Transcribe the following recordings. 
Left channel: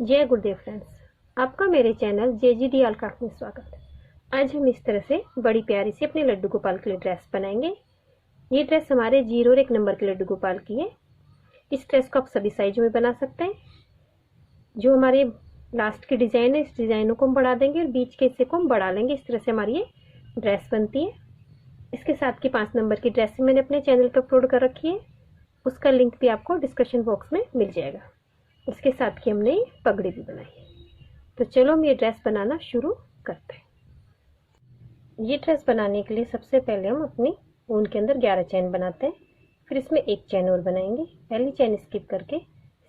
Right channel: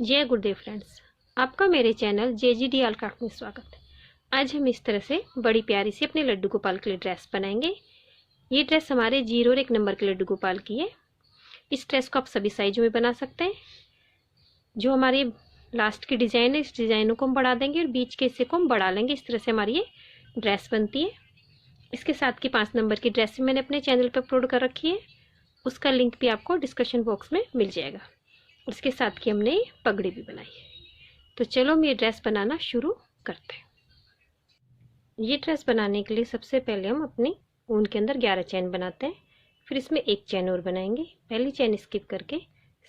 जय गुरुदेव फ्रेंड्स, आपका मेरे चैनल JGD ऑल क्राफ्ट में स्वागत है। आज हम इस तरह से बड़ी प्यारी सी अपने लड्डू गोपाल के लिए ड्रेस बनाएंगे। ये ड्रेस हमारे 0 और 1 नंबर के लड्डू गोपाल की है। इस ड्रेस को आप सभी साइजों में बना सकते हैं। जो हमारे लास्ट की डिज़ाइन है, इस डिज़ाइनों को हम बढ़ा देंगे और बीच के हिस्से को हम बढ़ा लेंगे। इस तरह से हमारी ये ड्रेस बनती है। इसके साथ की 5 नंबर की ड्रेस मैंने अपने चैनल पर अपलोड कर रखी है। उसका लिंक भी आपको डिस्क्रिप्शन बॉक्स में मिल जाएगा। उसके साथ की हमने पगड़ी भी बनाई है। तो चलो हम ये ड्रेस बनाना शुरू करते हैं। ये ड्रेस बनाने के लिए सबसे पहले हम अपनी ऊन के अंदर 11 चैन बनाते हैं। फिर इसमें एक चैन और बनाएंगे। पहली चैन स्किप करके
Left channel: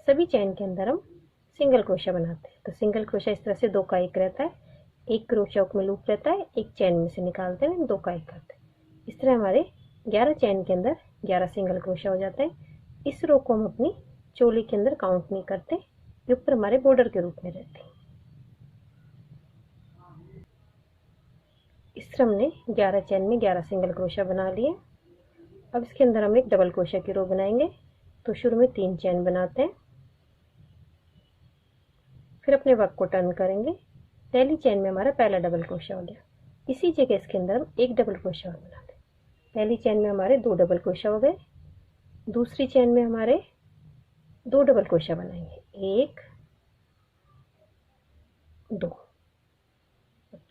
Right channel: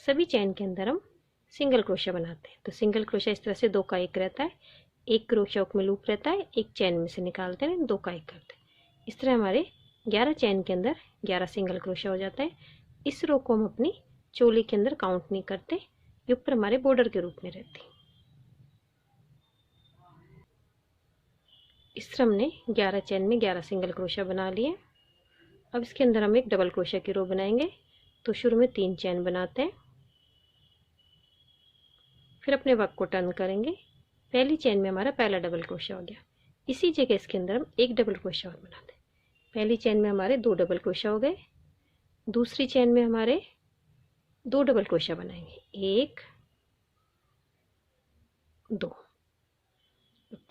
सभी चैन के अंदर हम सिंगल क्रोशा बनाते हैं। तो सिंगल क्रोशा इस तरह से 2 का 1 रहता है, एक क्रोशा में लूप रहता है, एक चैन में से निकालते हैं, 2 का 1 करते हैं। इस तरह हमारे 11 चैन के अंदर 11 सिंगल क्रोशा हो जाता है। इस रो को हम अपनी चोली के अंदर काउंट नहीं करते, ये ऊपर हमारे बॉर्डर के रूप में रहती है। इस तरह हमने 11 चैन में 11 सिंगल क्रोशा बना लिए। अब इसके अंदर हम एक डबल क्रोशा की रो बनाएंगे। तो शुरू में 3 चैन बनाते हैं, फिर अपने वर्क को टर्न करेंगे। पहली चैन में हमारा पहला डबल क्रोशा हो गया। इसी जगह इसके अंदर हम एक डबल क्रोशा और बनाते हैं। पहली चैन में हमारे 2 डबल क्रोशा हो गए। दूसरी चैन में हमारे 2 डबल क्रोशा बनाएंगे, 1 2।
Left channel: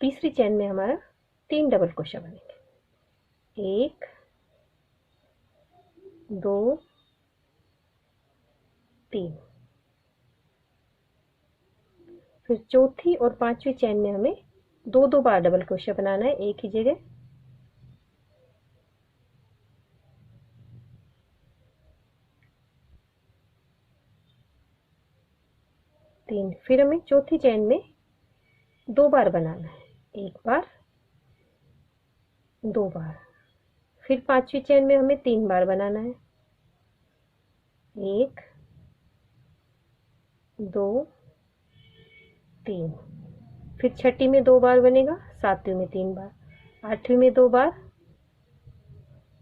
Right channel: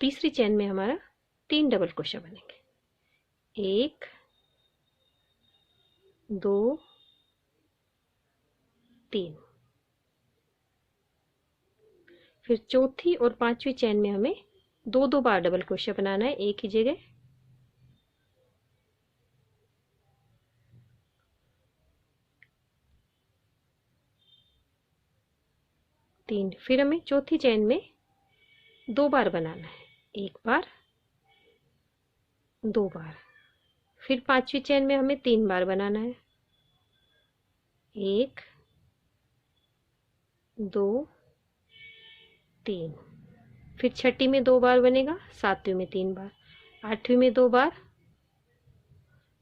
तीसरी चैन में हमारा 3 डबल क्रोशा बनेंगे, 1 2 3। फिर चौथी और 5वीं चैन में हमें 2 बार डबल क्रोशा बनाना है, एक ही जगह। तीन। फिर हमें चौथी चैन में 2 बार बनाना है, 1 बार 2 बार। फिर 5वीं चैन में हमें 3 बार बनाना है, 1 2 3। फिर छठी में 2 बार बनेगा, 7वीं में 3 बार, 8वीं में 2 बार,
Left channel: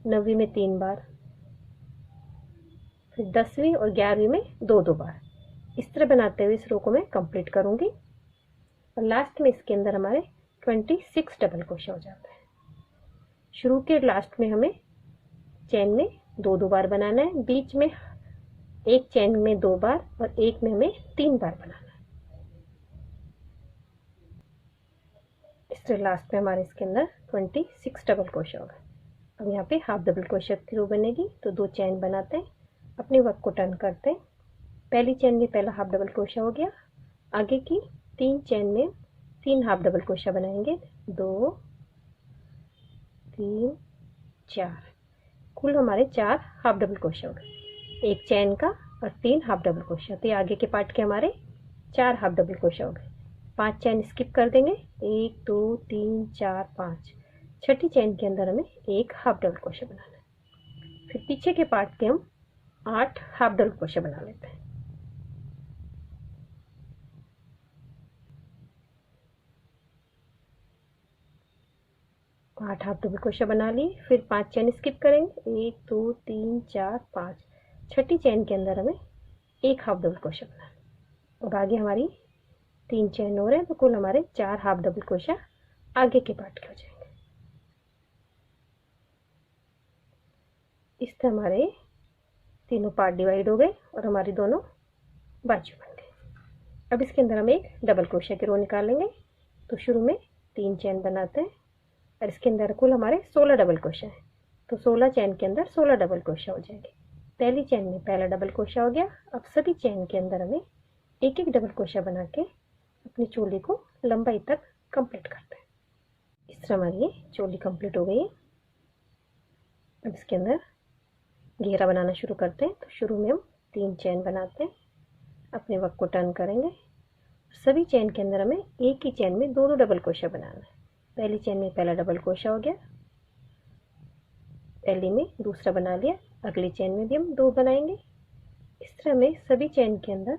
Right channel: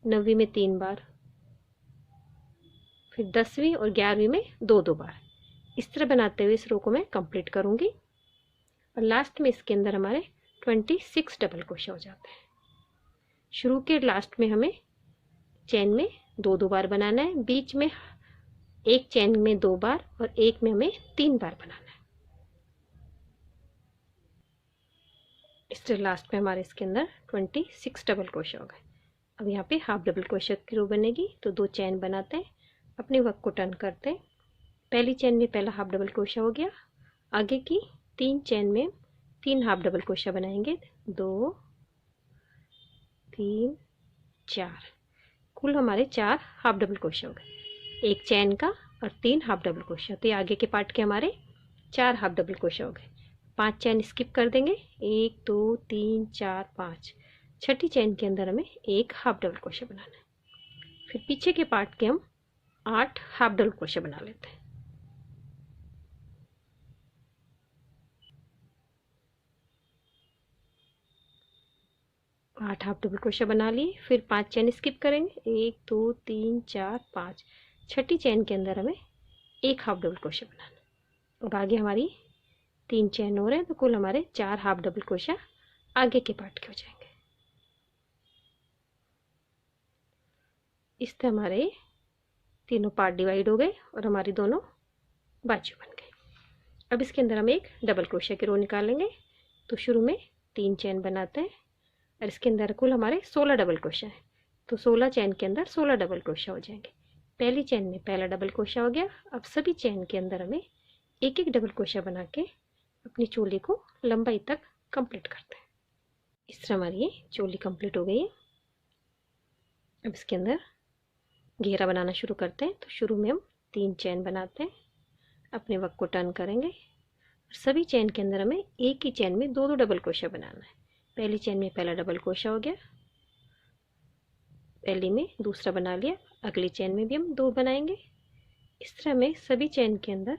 9वीं में 3 बार, फिर 10वीं और 11वीं में 2 बार। इस तरह बनाते हुए इस रो को मैं कंप्लीट करूंगी और लास्ट में इसके अंदर हमारे 26 डबल क्रोशा हो जाता है। शुरू के लास्ट में हमें चैन में 2 बार बनाना है, बीच में एक चैन में 2 बार और एक में हमें 3 बार बनाना है। इस तरह लास्ट में हमारे इसके अंदर 26 डबल क्रोशा हो गए। अब यहाँ पे हाफ डबल क्रोशा की रो बनेगी। तो 2 चैन बनाते हैं, अपने वर्क को टर्न करते हैं। पहली चैन में पहला हाफ डबल क्रोशा हो गया। आगे की 3 चैन में 3 हाफ डबल क्रोशा बनाएंगे, 2 3 4। कुल हमारे 4 हाफ डबल क्रोशा हो गए, एक चैन का और 3 हाफ डबल क्रोशा। तो ये आगे के पार्ट के हमारे 4 हाफ डबल क्रोशा हो गए। 5 चैन स्किप कर देंगे, 1 2 3 4 5। छठी चैन के अंदर हमें एक हाफ डबल क्रोशा बनाना है। फिर पीछे के पार्ट के हम 8 हाफ डबल क्रोशा बना लेते हैं। आठ हाफ डबल क्रोशा बना लिए। फिर 5 चैन स्किप करेंगे, 1 2 3 4 5। छठी चैन के अंदर हमें एक हाफ डबल क्रोशा बनाना। और आगे हमारी 3 चैन और हैं, तो कुल हमारे 4 हाफ डबल क्रोशा आगे के पार्ट के हो जाएंगे। इस तरह हमारे तीनों पार्ट डिवाइड हो गए और हमारी दोनों बाजू बन गए। अब इसके अंदर हम एक डबल क्रोशा की रो निकालेंगे। तो शुरू में 3 चैन बनाते हैं और इसके अंदर कुल हमारे 16 डबल क्रोशा है। तो 16 चैन के अंदर 16 डबल क्रोशा हो जाएंगे। पहली चैन में पहला डबल क्रोशा हो गया। अब सभी चैन के अंदर हमें एक एक डबल क्रोशा बना के अपनी चोली को लंबाई तक कंप्लीट करते हैं। इस तरह हमारी ये चोली कंप्लीट हो गई है। अब इसके अंदर घेरा बनाना शुरू करते हैं। तो शुरू में हम 3 चैन बनाते हैं, अपने वर्क को टर्न करेंगे। सभी चैन के अंदर हमें एक ही चैन में 2 डबल क्रोशा बनाना है। पहली चैन में पहला डबल क्रोशा हो गया, पहली में दूसरा बना लिया। अगली चैन में भी हम 2 बनाएंगे। इस तरह में सभी चैन के अंदर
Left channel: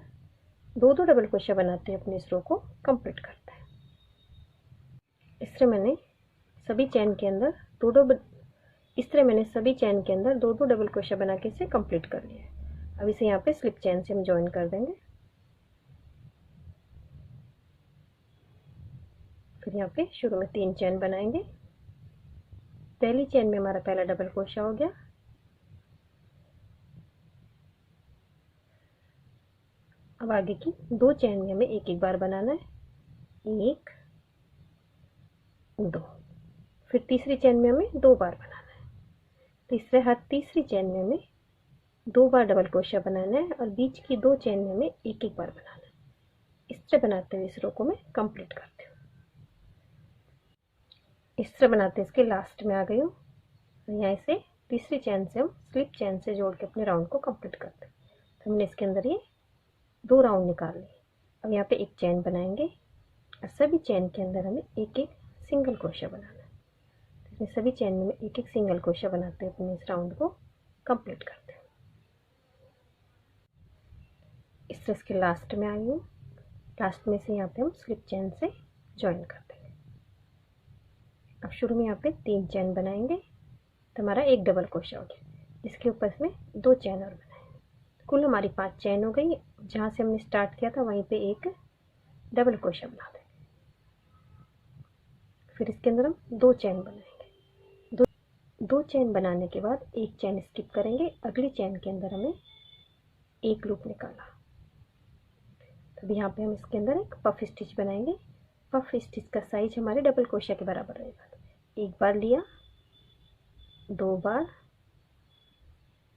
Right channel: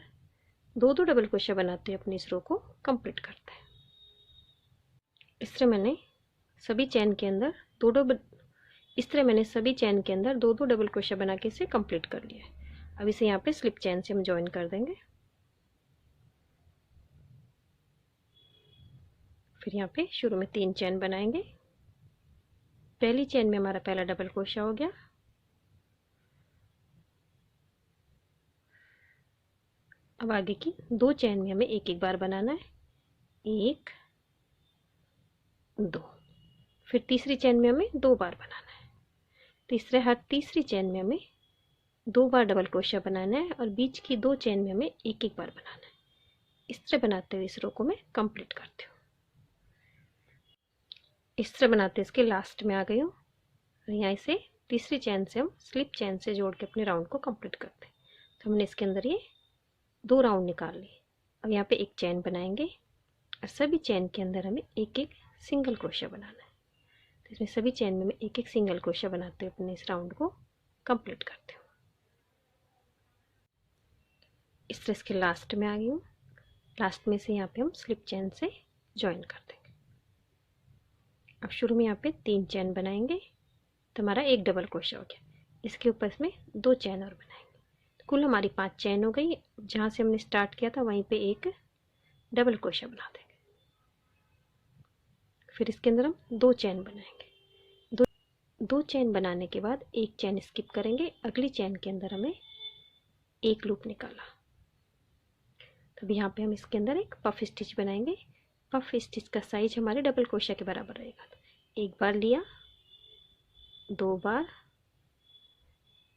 2 डबल क्रोशा बनाते हुए अपनी इस रो को कंप्लीट करते हैं। इस तरह मैंने सभी चैन के अंदर 2 डबल क्रोशा बना के इसे कंप्लीट कर लिया है। अब इसे यहाँ पे स्लिप चैन से हम ज्वाइन कर देंगे। फिर यहाँ पे शुरू में 3 चैन बनाएंगे। पहली चैन में हमारा पहला डबल क्रोशा हो गया। अब आगे की 2 चैन में हमें एक एक बार बनाना है, 1 2। फिर तीसरी चैन में हमें 2 बार बनाना है। तीसरी चैन में हमें 2 बार डबल क्रोशा बनाना है और बीच की 2 चैन में हमें एक एक बार बनाना है। इस तरह बनाते हुए इस रो को मैं कंप्लीट करती हूँ। इस तरह बनाते इसके लास्ट में आ गई हूँ और यहाँ से तीसरी चैन से हम स्लिप चैन से जोड़ के अपने राउंड को कंप्लीट करते हैं। तो हमने इसके अंदर ये 2 राउंड निकाल लिए। अब यहाँ पे एक चैन बनाएंगे और सभी चैन के अंदर हमें एक एक सिंगल क्रोशा बनाना है। तो इसमें सभी चैन में मैं एक एक सिंगल क्रोशा बनाते हुए अपने इस राउंड को कंप्लीट करती हूँ। इस तरह इसके लास्ट में आ गई हूँ। लास्ट में से यहाँ पे हम स्लिप चैन से ज्वाइन कर देंगे। अब शुरू में यहाँ पे 3 चैन बनाएंगे तो हमारा एक डबल क्रोशा हो गया। इसके ऊपर इसमें 2 चैन और बनाएंगे तो कुल हमारी 5 चैन हो गई। जहाँ से हमने स्टार्ट किया था वहीं पे एक डबल क्रोशा बना देंगे। फिर इसके अंदर हम 2 चैन बनाएंगे। दो चैन बनाने के बाद एक चैन स्किप करेंगे। अगली चैन के अंदर हमें एक लूप निकाला। तब यहाँ पे हम इसके अंदर एक पफ स्टिच बनाएंगे। पफ स्टिच का साइज हमारे डबल क्रोशा के बराबर रहेगा। तो एक बार लिया, 2 बार,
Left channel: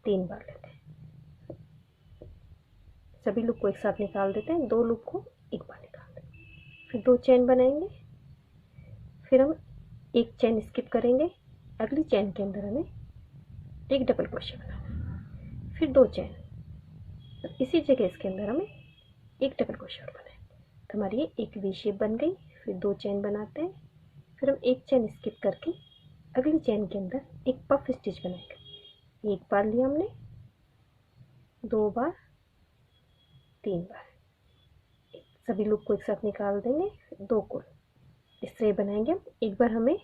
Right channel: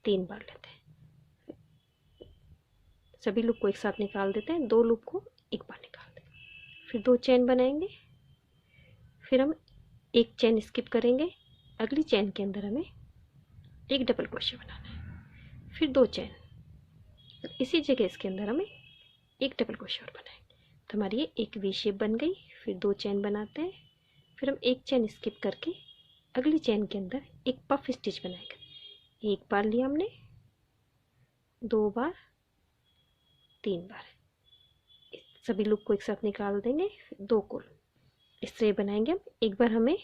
3 बार लेते हैं। सभी लूप को एक साथ निकाल देते हैं। 2 लूप को एक बार निकाल देते हैं। फिर 2 चैन बनाएंगे। फिर हम एक चैन स्किप करेंगे। अगली चैन के अंदर हमें एक डबल क्रोशा बनाना है। फिर 2 चैन, इसी जगह इसके अंदर हमें एक डबल क्रोशा और बनाएंगे। तो हमारी ये एक वी शेप बन गई। फिर 2 चैन बनाते हैं। फिर हम एक चैन स्किप करके अगली चैन के अंदर एक पफ स्टिच बनाएंगे। एक बार लिया हमने, 2 बार, 3 बार। सभी लूप को एक साथ निकाल देंगे। 2 को इस तरह बनाएंगे हम। एक बार हमें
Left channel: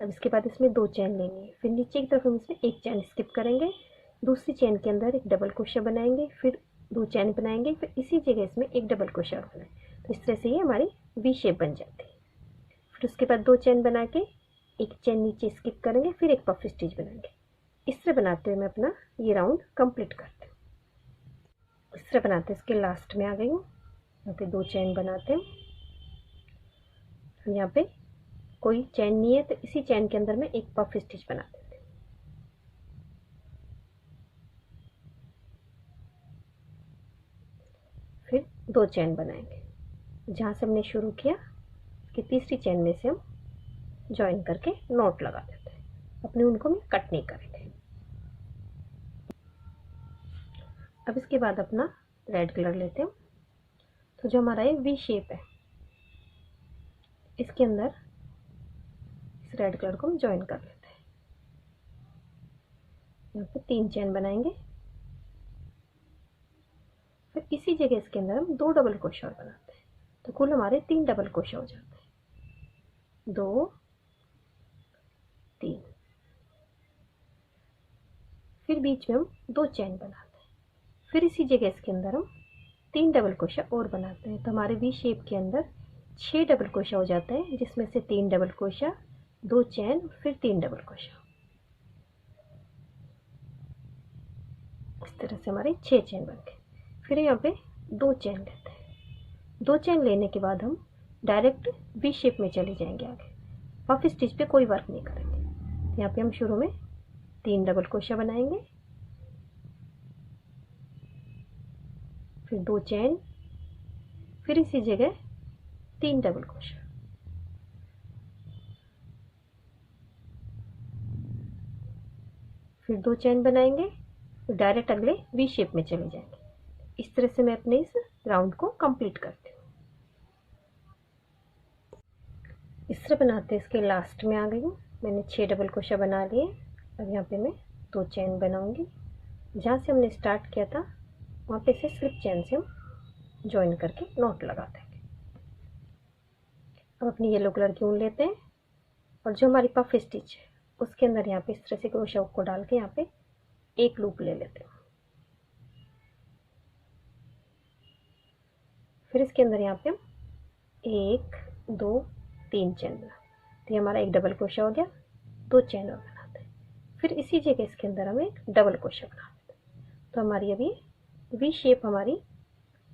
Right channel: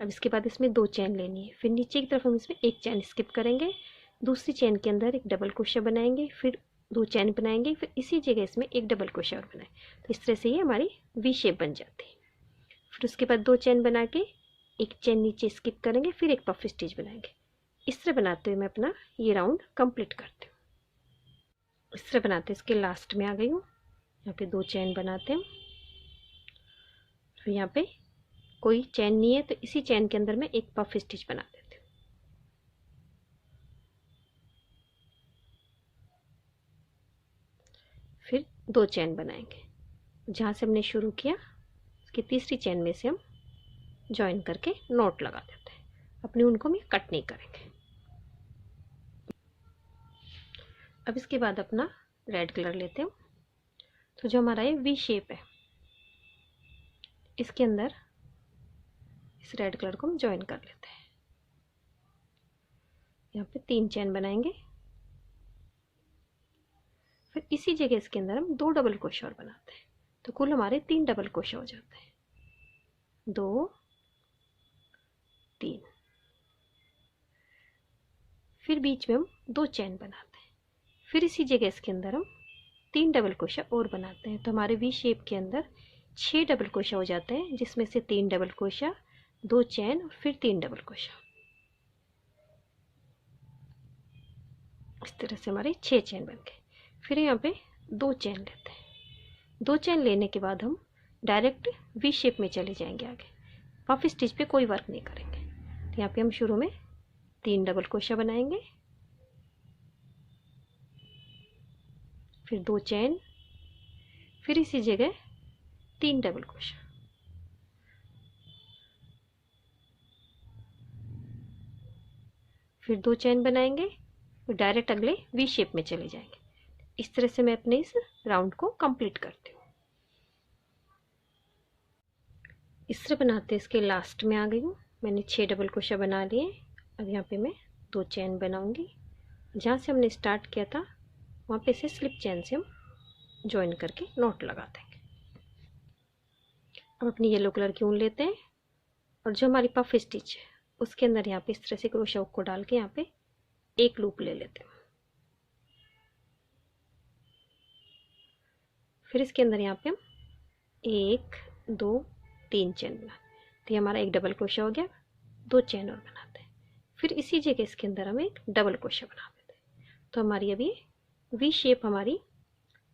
अब इसके बाद इसमें 2 चैन लेनी है। फिर नीचे की तरफ हम इसमें एक चैन स्किप करेंगे। दूसरी चैन के अंदर एक डबल क्रोशा बनाएंगे। फिर 2 चैन बनाएंगे। फिर इसी जगह इसमें एक डबल क्रोशा और बनाएं। तो इस तरह से ये हमारी वी शेप बन जाती है। फिर उसके बाद 2 चैन बना के एक चैन नीचे स्किप करेंगे। फिर एक पफ स्टिच बनाएंगे। इस तरह बनाते हुए मैं अपना ये राउंड कंप्लीट करती हूँ। इस तरह बनाते इसके लास्ट में आ गई हूँ। यहाँ पे 2 चैन बनाते हैं। फिर यहाँ पे कोई चैन नहीं है तो इसी चैन के अंदर मैं एक पफ स्टिच बना देती हूँ। फिर 2 चैन बनाएंगे। जहाँ से हमने शुरू किया उसकी तीसरी चैन में से हम ज्वाइन करके नॉट लगा देते हैं। अपने उनको भी कट नहीं करेंगे। अब इसके बाद अपना रेड कलर लेते हैं। तो जो हमारा ये वी शेप है इसके अंदर इस रेड कलर को हम ज्वाइन कर लेते हैं। यहाँ पे 3 चैन बनाएंगे। फिर इसी जगह इसके अंदर हम 2 डबल क्रोशा और बनाते हैं। तो कुल हमारे 3 डबल क्रोशा हो जाते हैं। 2 3। फिर बीच में हम 2 चैन बनाते हैं। फिर इसी जगह इसके अंदर हम 3 डबल क्रोशा और बनाते हैं। तो हमारे वी शेप के अंदर 6 डबल क्रोशा हो जाते हैं, जिसमें से 3 डबल क्रोशा, 2 चैन, फिर 3 डबल क्रोशा। इस तरह से हमारे 6 चैन बन गए। फिर यहाँ पे 2 चैन लेते हैं। 2 चैन लेने के बाद हम डायरेक्ट वी शेप में चले जाएंगे। आगे पफ स्टिच पे कोई वर्क नहीं करेंगे। तो यहाँ पे हम शुरू में 3 डबल क्रोशा बनाएंगे। फिर 2 चैन, फिर इसी जगह 3 डबल क्रोशा। फिर 2 चैन बनाएंगे और डायरेक्ट अगले वी शेप में चले जाएंगे। इस तरह से मैं अपने इस राउंड को कंप्लीट करती हूँ। इस तरह बनाते इसके लास्ट में आ गई हूँ। मैंने 6 डबल क्रोशा बना लिए। अब यहाँ पे मैं 2 चैन बनाऊंगी। जहाँ से हमने स्टार्ट किया था वहाँ पे से स्लिप चैन से हम ज्वाइन करके नॉट लगा देंगे। अब अपनी येलो कलर की ऊन लेते हैं और जो हमारी पफ स्टिच है उसके अंदर यहाँ पे इस तरह से क्रोशा हुक को डाल के यहाँ पे एक लूप ले लेते हैं। फिर इसके अंदर यहाँ पे हम 1 2 3 चेन बना, तो ये हमारा एक डबल क्रोशा हो गया। 2 चेन और बनाते हैं, फिर इसी जगह इसके अंदर हम एक डबल क्रोशा बना देते हैं। तो हमारी अभी वी शेप हमारी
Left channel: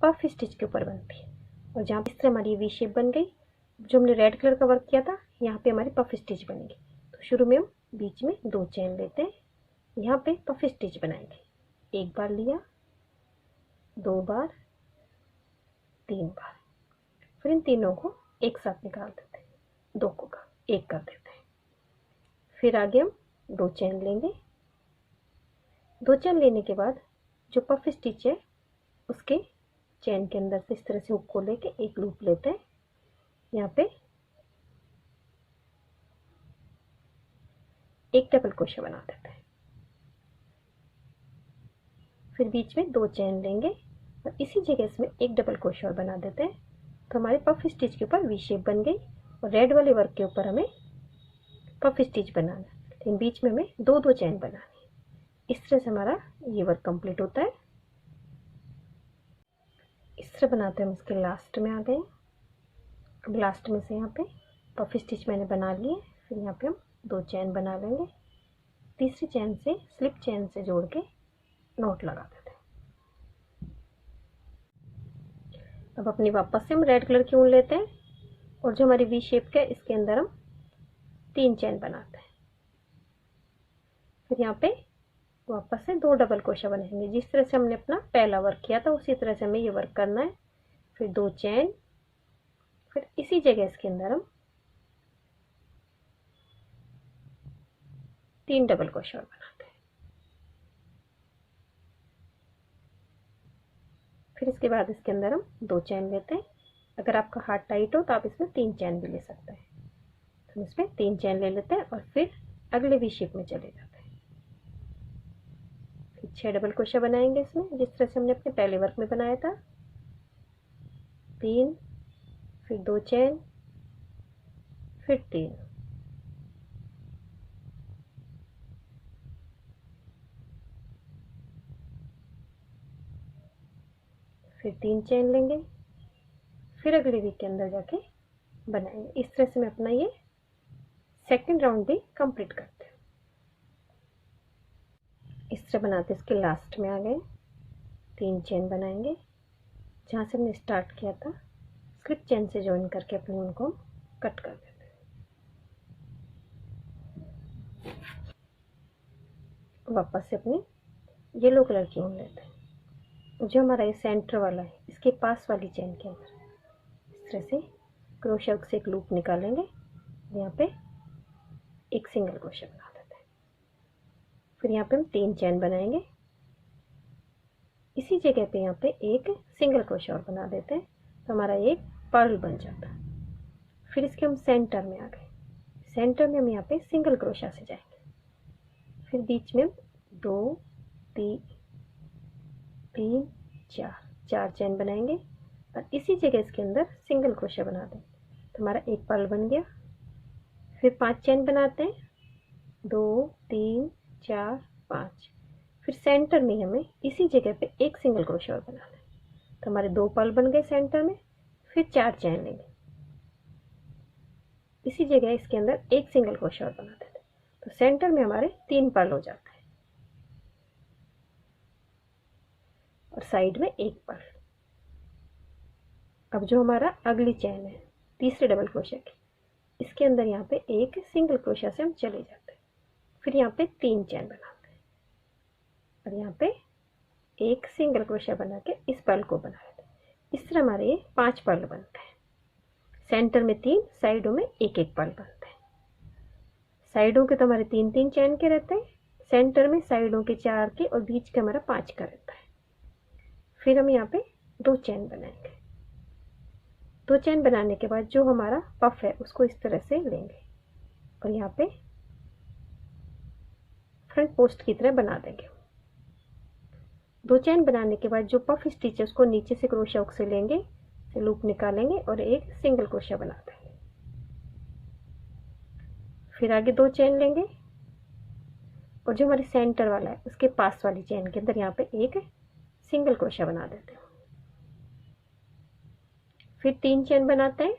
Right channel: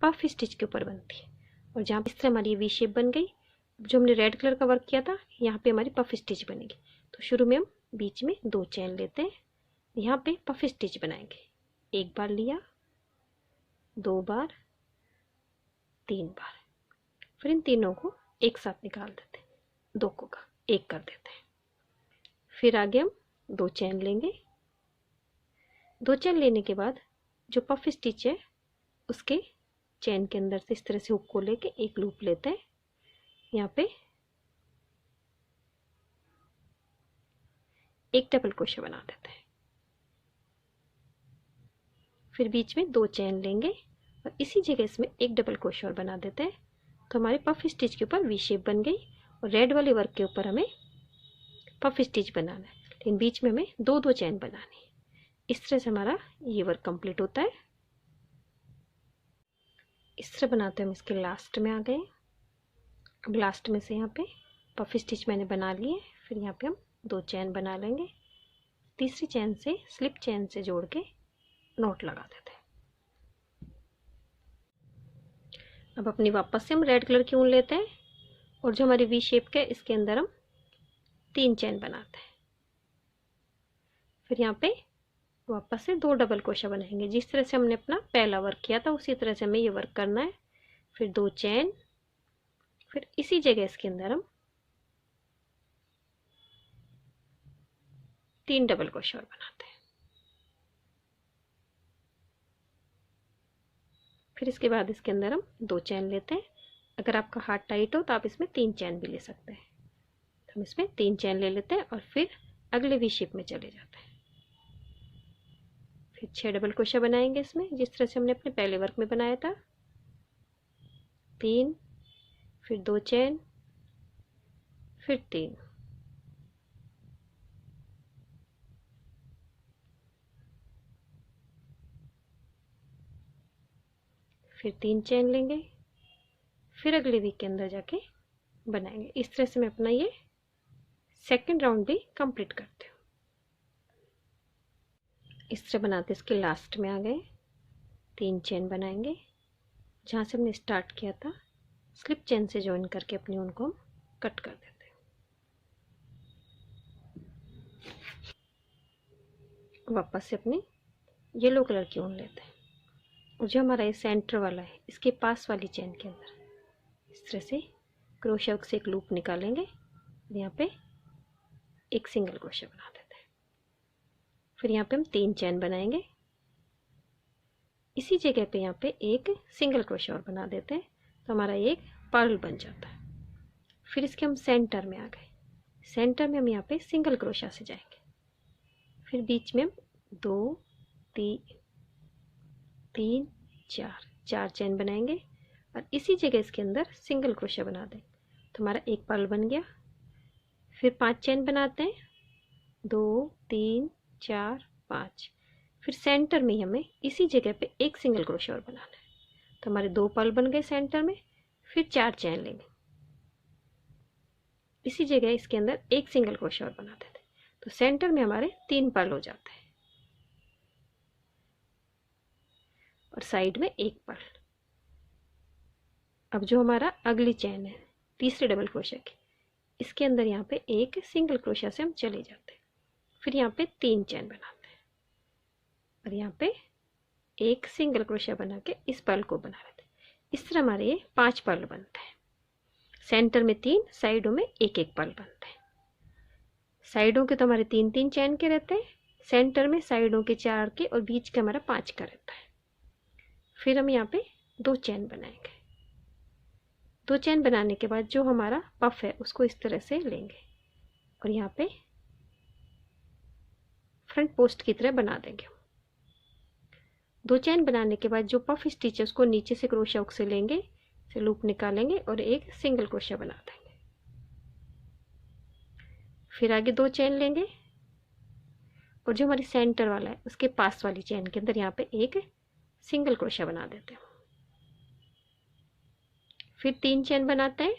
पफ स्टिच के ऊपर बनती है। और जहाँ इस तरह हमारी वी शेप बन गई, जो हमने रेड कलर का वर्क किया था यहाँ पे हमारी पफ स्टिच बनेगी। तो शुरू में हम बीच में 2 चेन लेते हैं, यहाँ पे पफ स्टिच बनाएंगे। एक बार लिया, 2 बार, 3 बार, फिर इन तीनों को एक साथ निकाल देते हैं, 2 को का 1 कर देते हैं। फिर आगे हम 2 चेन लेंगे। 2 चेन लेने के बाद जो पफ स्टिच है उसके चेन के अंदर से इस तरह से हुक को लेके एक लूप लेते हैं, यहाँ पे एक डबल क्रोशा बना देते हैं। फिर बीच में 2 चेन लेंगे और इसी जगह इसमें एक डबल क्रोशा और बना देते हैं। तो हमारे पफ स्टिच के ऊपर वी शेप बन गई और रेड वाले वर्क के ऊपर हमें पफ स्टिच बनाना है, लेकिन बीच में हमें 2 चेन बनानी है। इस तरह से हमारा ये वर्क कंप्लीट होता है। इस तरह बनाते हैं हम। इसके लास्ट में आ गए। अब लास्ट में से यहाँ पे पफ स्टिच मैंने बना लिए, फिर यहाँ पे हम 2 चेन बना लेंगे। तीसरी चेन से स्लिप चेन से जोड़ के नॉट लगा देते हैं। अब अपनी वापस से हम रेड कलर की ऊन लेते हैं और जो हमारी वी शेप के इसके अंदर हम 3 चेन बनाते हैं। फिर यहाँ पे वापस से 2 डबल क्रोशा बनाएंगे। जिस तरह से हमने अपना पहला वर्क किया था उसी तरह से हमें ये वर्क करना है। फिर 2 चेन, फिर इसी जगह इसके अंदर हम 3 डबल क्रोशा बनाते हैं। फिर इसके बाद इसके अंदर हम 2 चेन लेते हैं। अगर आपका हाथ टाइट हो तो आप इसमें 3 चेन भी ले सकते हैं। तो हम इसमें 3 चेन ले लेते हैं और फिर अगले वी शेप में चले जाते हैं। फिर 6 डबल क्रोशा बनाएंगे इसमें, जिस तरह से हमने अपने पहले वर्क में बनाया था। 3, फिर 2 चेन, फिर 3, फिर 3 चेन लेंगे, फिर अगले वीक के अंदर जाके बनाएंगे। इस तरह से मैं अपना ये सेकंड राउंड भी कंप्लीट करती हूँ। इस तरह बनाते इसके लास्ट में आ गए। 3 चेन बनाएंगे, जहाँ से हमने स्टार्ट किया था स्लिप चेन से ज्वाइन करके अपनी ऊन को कट कर देते हैं। वापस से अपनी येलो कलर की ऊन लेते हैं और जो हमारा ये सेंटर वाला है इसके पास वाली चेन के अंदर इस तरह से क्रोशा से एक लूप निकालेंगे, यहाँ पे एक सिंगल क्रोशा बना देते हैं। फिर यहाँ पे हम 3 चेन बनाएंगे, इसी जगह पे यहाँ पे एक सिंगल क्रोशा और बना देते हैं, तो हमारा एक पर्ल बन जाता है। फिर इसके हम सेंटर में आ गए। सेंटर में हम यहाँ पे सिंगल क्रोशा से जाएंगे। फिर बीच में हम 2 3 4 चेन बनाएंगे और इसी जगह इसके अंदर सिंगल क्रोशा बना देंगे, तो हमारा एक पर्ल बन गया। फिर 5 चेन बनाते हैं, 2 3 4 5। फिर सेंटर में हमें इसी जगह पे एक सिंगल क्रोशा और बनाना है, तो हमारे 2 पर्ल बन गए सेंटर में। फिर 4 चेन लेंगे, इसी जगह इसके अंदर एक सिंगल क्रोशा और बना देते हैं, तो सेंटर में हमारे 3 पर्ल हो जाते हैं और साइड में एक पर्ल। अब जो हमारा अगली चेन है तीसरे डबल क्रोशा की, इसके अंदर यहाँ पे एक सिंगल क्रोशा से हम चले जाते हैं। फिर यहाँ पे 3 चेन बनाते हैं और यहाँ पे एक सिंगल क्रोशा बना के इस पर्ल को बना लेते हैं। इस तरह हमारे ये 5 पर्ल बनते हैं। सेंटर में 3, साइडों में एक एक पर्ल बनते हैं। साइडों के तो हमारे 3 3 चेन के रहते हैं, सेंटर में साइडों के 4 के और बीच का हमारा 5 का रहता है। फिर हम यहाँ पे 2 चेन बनाएंगे। 2 चेन बनाने के बाद जो हमारा पफ है उसको इस तरह से लेंगे और यहाँ पे फ्रंट पोस्ट की तरह बना देंगे। 2 चेन बनाने के बाद जो पफ स्टिच है उसको नीचे से क्रोशा हुक से लेंगे, से लूप निकालेंगे और एक सिंगल क्रोशा बना देंगे। फिर आगे 2 चेन लेंगे और जो हमारी सेंटर वाला है उसके पास वाली चेन के अंदर यहाँ पे एक सिंगल क्रोशा बना देते हैं। फिर 3 चेन बनाते हैं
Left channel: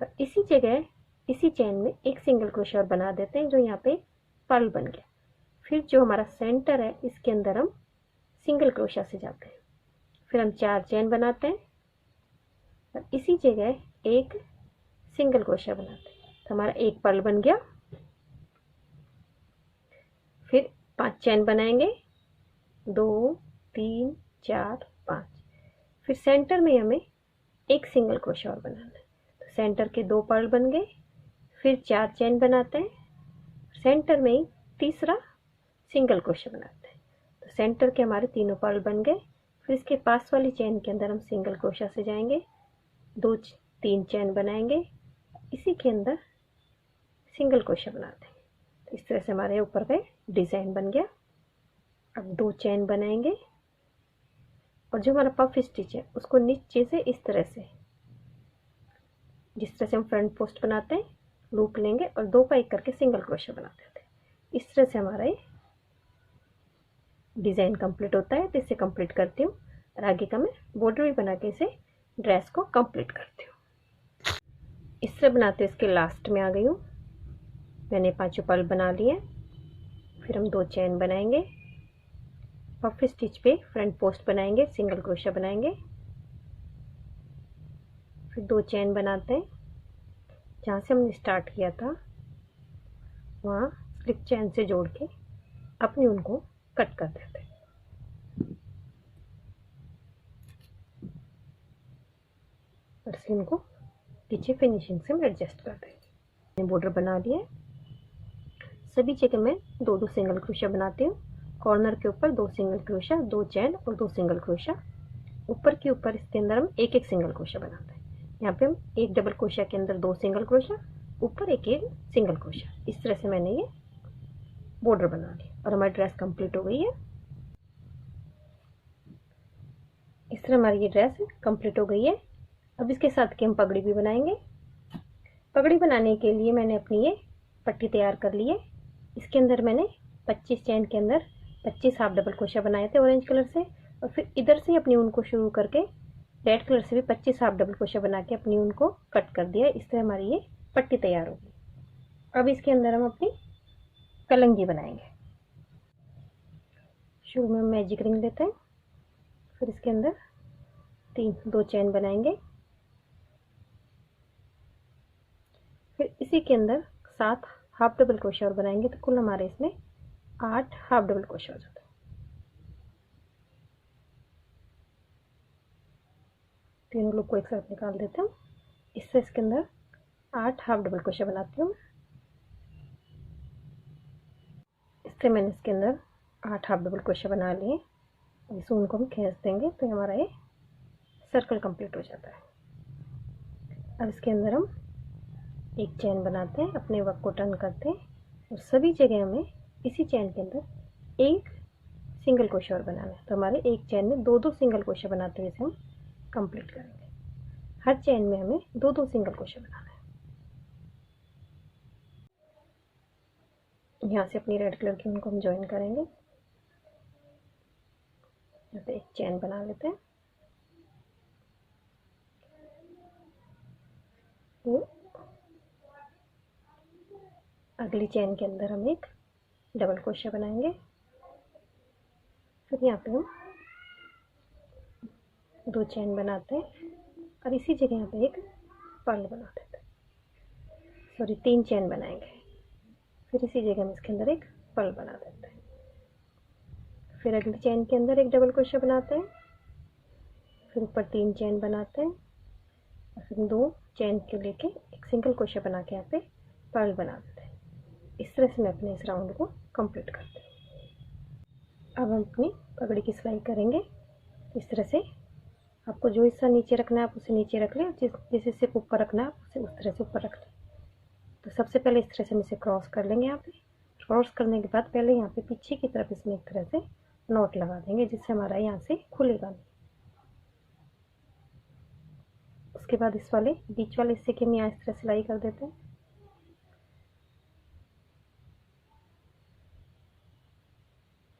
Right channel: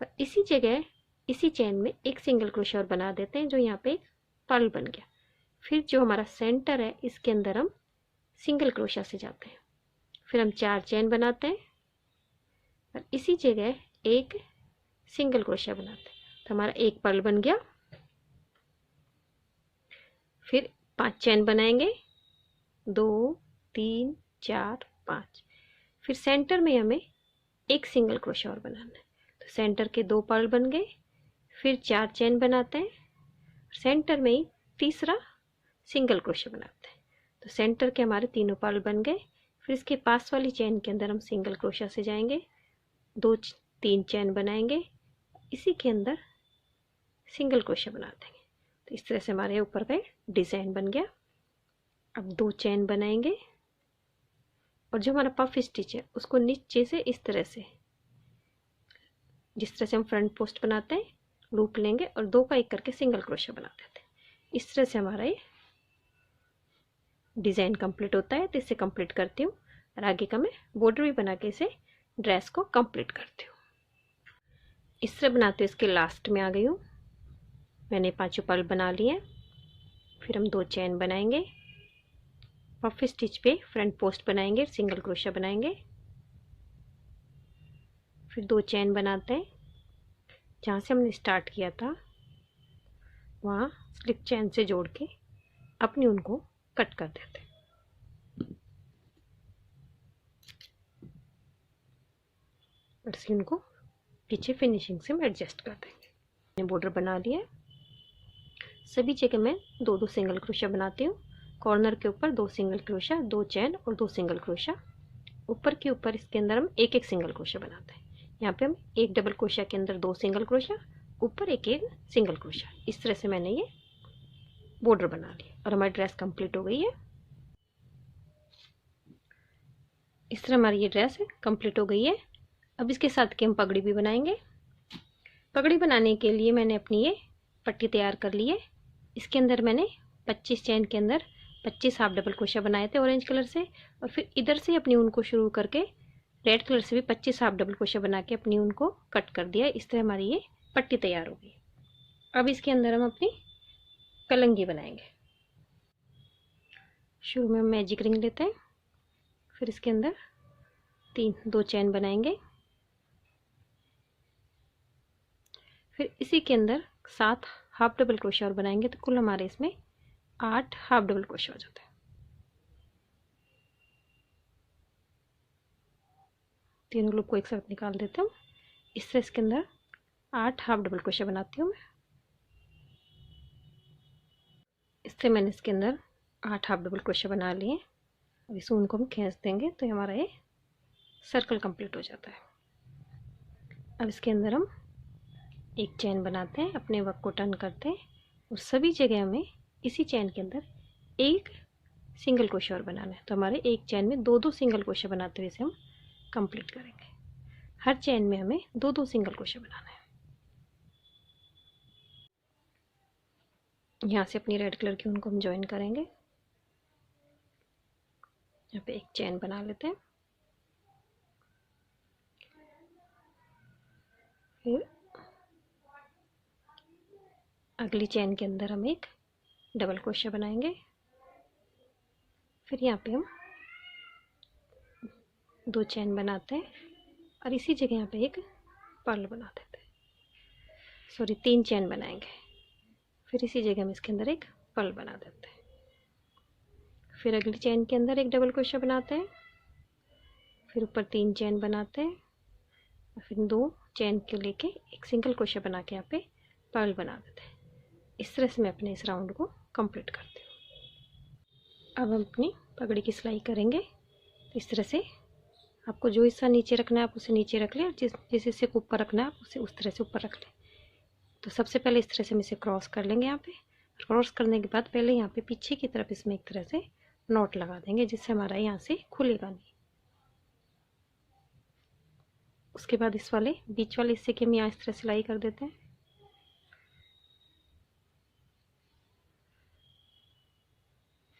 और इसी जगह इसी चेन में एक सिंगल क्रोशा और बना देते हैं, जो यहाँ पे पर्ल बन गया। फिर जो हमारा सेंटर है इसके अंदर हम सिंगल क्रोशा से जाते हैं। फिर हम 4 चेन बनाते हैं और इसी जगह एक सिंगल क्रोशा बनाते हैं, तो हमारा एक पर्ल बन गया। फिर 5 चेन बनाएंगे, 2 3 4 5। फिर सेंटर में हमें एक सिंगल क्रोशा और बनाना है, तो सेंटर के 2 पर्ल बन गए। फिर 4 चेन बनाते हैं, सेंटर में ही तीसरा सिंगल क्रोशा बनाते हैं, तो सेंटर के हमारे तीनों पर्ल बन गए। फिर इसके पास वाली चेन के अंदर हम सिंगल क्रोशा से जाएंगे, 2 3 चेन बनाएंगे, इसी के अंदर सिंगल क्रोशा बना देंगे। तो इस तरह से हमारे ऊपर का डिज़ाइन बन गया। अब 2 चेन बनाएंगे और जो हमारा पफ स्टिच है उसको नीचे से इस तरह से, जिस तरह से हम फ्रंट पोस्ट बनाते हैं, लूप लेंगे और 2 का एक करके सिंगल क्रोशा बना देते हैं। इस तरह से हमारा ये डिज़ाइन कंप्लीट होता है। तो इसे कंप्लीट करती हूँ और आगे का मैं बॉर्डर भी बना के इसे ड्रेस को कंप्लीट करती हूँ। इस तरह बनाते हुए इसके लास्ट में आ गई हूँ। मैंने 5 पर्ल बना लिए। फिर हम 2 चेन बनाएंगे, पफ स्टिच पे फ्रंट पोस्ट बनाएंगे, सिंगल क्रोशा बनाएंगे। फिर 2 चेन बनाते हैं, जहाँ से हमने स्टार्ट किया था वहाँ स्लिप चेन से जोड़ के अपनी उनको कट कर देते हैं। और इसे उनको पीछे फिनिशिंग से हम एडजस्ट कर देंगे। मैंने बॉर्डर बना लिया है। सभी जगह मैं 2 सिंगल क्रोशा बनाती हूँ। कॉर्नर के ऊपर 2 सिंगल क्रोशा, 2 चेन और 2 सिंगल क्रोशा। ऊपर के ऊपर इसके अंदर हम एक सिंगल क्रोशा बनाते हैं। यहाँ पे हम एक डबल क्रोशा के अंदर 2 सिंगल क्रोशा, ऊपर एक सिंगल क्रोशा। इस तरह से मैंने ये बॉर्डर बना लिया और हमारी ड्रेस कंप्लीट हो गई है। इस तरह हमारी ये ड्रेस कंप्लीट हो गई है। अब इसके साथ की हम पगड़ी भी बनाएंगे। पगड़ी बनाने के लिए मैंने अपनी ये पट्टी तैयार कर ली है। इसके अंदर मैंने 25 चेन के अंदर 25 हाफ डबल क्रोशा बनाए थे ऑरेंज कलर से, और फिर इधर से अपनी ऊन को शुरू करके रेड कलर से भी 25 हाफ डबल क्रोशा बना के अपनी ऊन को कट कर दिया। इस तरह हमारी ये पट्टी तैयार होगी। अब इसके अंदर हम अपनी कलंगी बनाएंगे। शुरू में हम मैजिक रिंग लेते हैं, फिर इसके अंदर 2 चेन बनाएंगे, फिर इसी के अंदर 7 हाफ डबल क्रोशा और बनाएंगे, तो कुल हमारे इसमें 8 हाफ डबल क्रोशा हो जाता है। तीनों लूप को एक साथ निकाल देते हूँ। इससे इसके अंदर 8 हाफ डबल क्रोशा बनाती हूँ मैं। इससे मैंने इसके अंदर 8 हाफ डबल क्रोशा बना लिए। अब इस ऊन को हम खींच देंगे तो हमारा ये सर्कल कंप्लीट हो जाता है। अब इसके अंदर हम एक चेन बनाते हैं, अपने वर्क को टर्न करते हैं और सभी जगह हमें इसी चेन के अंदर एक सिंगल क्रोशा और बनाना है। तो हमारे एक चेन में 2 सिंगल क्रोशा बनाते हुए इसे हम कंप्लीट करेंगे। हर चेन में हमें 2 सिंगल क्रोशा बनाना है। यहाँ से अपनी रेड कलर की ऊन को हम ज्वाइन करेंगे। यहाँ पे एक चेन बना लेते हैं, फिर अगली चेन के अंदर हम एक डबल क्रोशा बनाएंगे। फिर यहाँ पे हम 2 चेन बनाते हैं और इसी जगह यहाँ पे एक पर्ल बना देते हैं, सॉरी 3 चेन बनाएंगे। फिर इसी जगह हम इसके अंदर एक पर्ल बना देते हैं। फिर अगली चेन के अंदर एक डबल क्रोशा बनाते हैं, फिर ऊपर 3 चेन बनाते हैं और फिर 2 चेन के लेके एक सिंगल क्रोशा बना के यहाँ पे पर्ल बना देते हैं। इस तरह से मैं अपने इस राउंड को कंप्लीट करती हूँ। अब हम अपनी पगड़ी की सिलाई करेंगे। इस तरह से आपको जो हिस्सा नीचे रखना है आप उसे नीचे रख लें, और जिस हिस्से को ऊपर रखना है आप उसे उस तरह से ऊपर रख लें। तो सबसे पहले इस तरह से हम इसे क्रॉस कर लेंगे। यहाँ पे क्रॉस करने के बाद पहले यहाँ पे पीछे की तरफ इसमें एक तरह से नोट लगा देंगे, जिससे हमारा यहाँ से खुलेगा नहीं। उसके बाद इस वाले बीच वाले हिस्से की हम यहाँ इस तरह सिलाई कर देते हैं।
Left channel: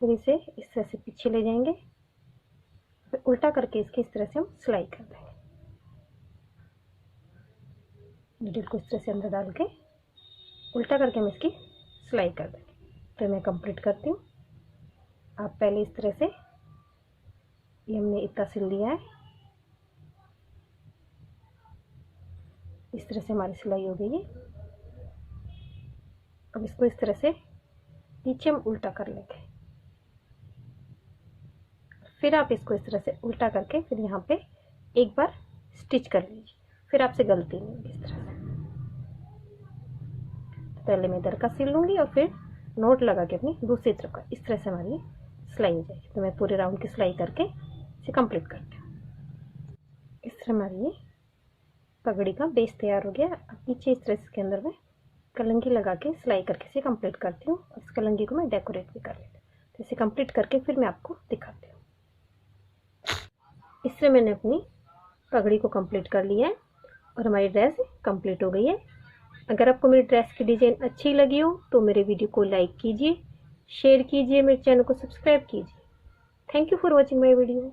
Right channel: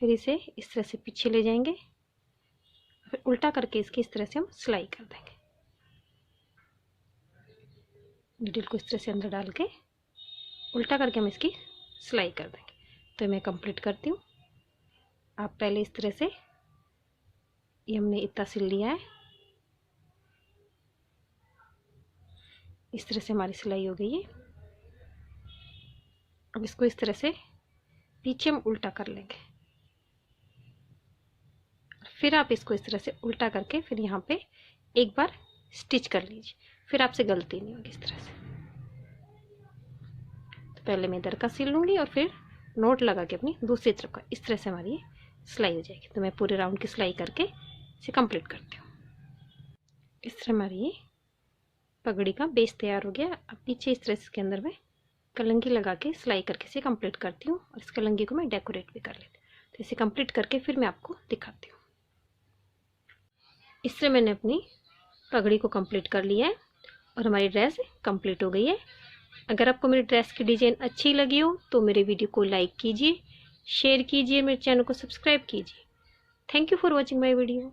फिर इसे इस तरह से पीछे ले जाएंगे, फिर उल्टा करके इसकी इस तरह से हम सिलाई कर देंगे। नीडल को इस तरह से अंदर डाल के उल्टा करके हम इसकी सिलाई कर देंगे। तो मैं कंप्लीट करती हूँ। आप पहले इस तरह से, ये हमने इतना सिल लिया है, इस तरह से हमारी सिलाई हो गई है। अब इसको इस तरह से पीछे हम उल्टा कर लेंगे, फिर आप इसको इस तरह से उल्टा करके फिर यहाँ पे एक बार स्टिच कर लीजिए, फिर आपसे गलती नहीं होगी इस तरह से। तो पहले मैं इधर का सिल लूँगी और फिर नोट लगा के अपनी दूसरी तरफ का, इस तरह से हमारी सिलाई हो जाएगी। तो मैं पूरे राउंड की सिलाई करके इसे कंप्लीट करती हूँ। इस तरह हमारी ये पगड़ी का बेस तैयार हो गया। अब पीछे इस तरह से इसके अंदर मैं कलंगी लगा के सिलाई करके इसे कंप्लीट करती हूँ और इस कलंगी को मैं डेकोरेट भी कर लेती हूँ। तो इसे कंप्लीट करके फिर मैं आपको दिखाती हूँ। इस तरह मैंने अपनी पगड़ी को कंप्लीट कर लिया है और हमारी ड्रेस कंप्लीट हो गई है। अगर आपको मेरी ड्रेस की डिज़ाइन अच्छी लगी हो तो मेरे वीडियो को लाइक कीजिए, शेयर कीजिए, मेरे चैनल को सब्सक्राइब कीजिए। Thank you for watching my video.